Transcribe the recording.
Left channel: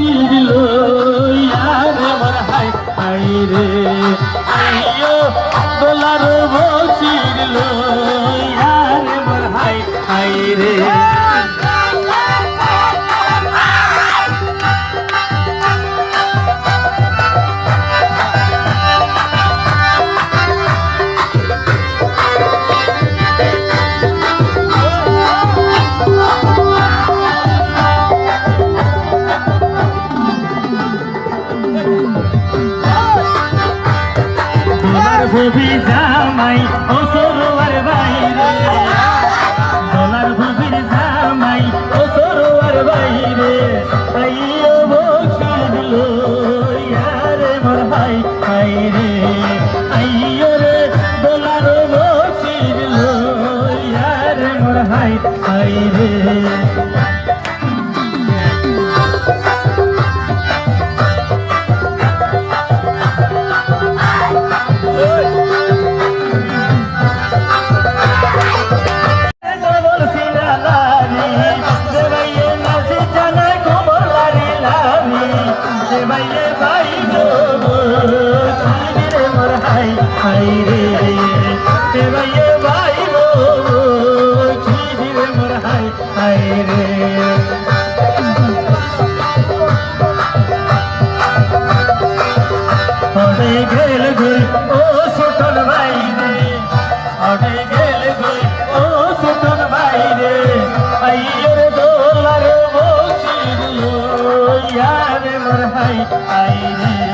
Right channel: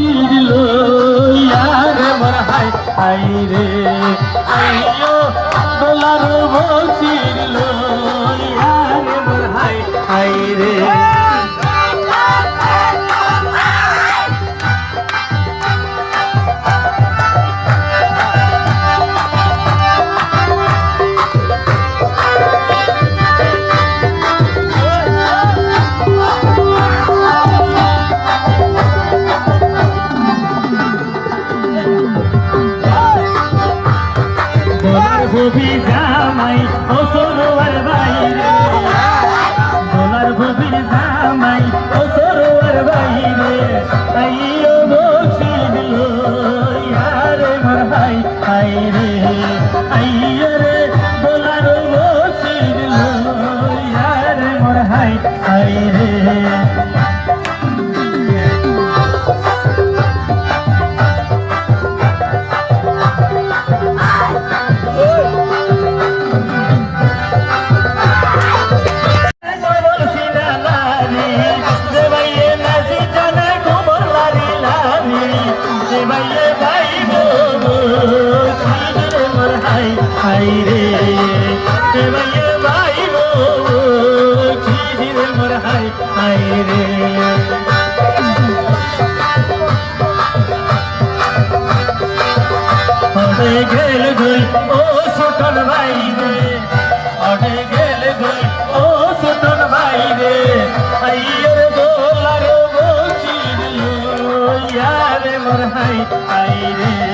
বসিল ইয়ার আমার high high রে আইও দোলার বসিল ইয়ার আমার হাই হাই রে ভবি জামাই ও সরোয়ার বাইরে দোলার ভবির জামাই ও সরোয়ার বাইরে আইও বসিল ইয়ারে মোর হাই হাই রে আইও রে দোলার বসিল ইয়ারে মোর হাই হাই রে হাই রে ভাইয়ে ভাই গো খিদির মোর হাই হাই রে অডে গেল গই ও সুতন ভাই রে অডে গেল গই ও সুতন ভাই রে আইয়ের দোলার বসিল ইয়ারে মোর হাই হাই রে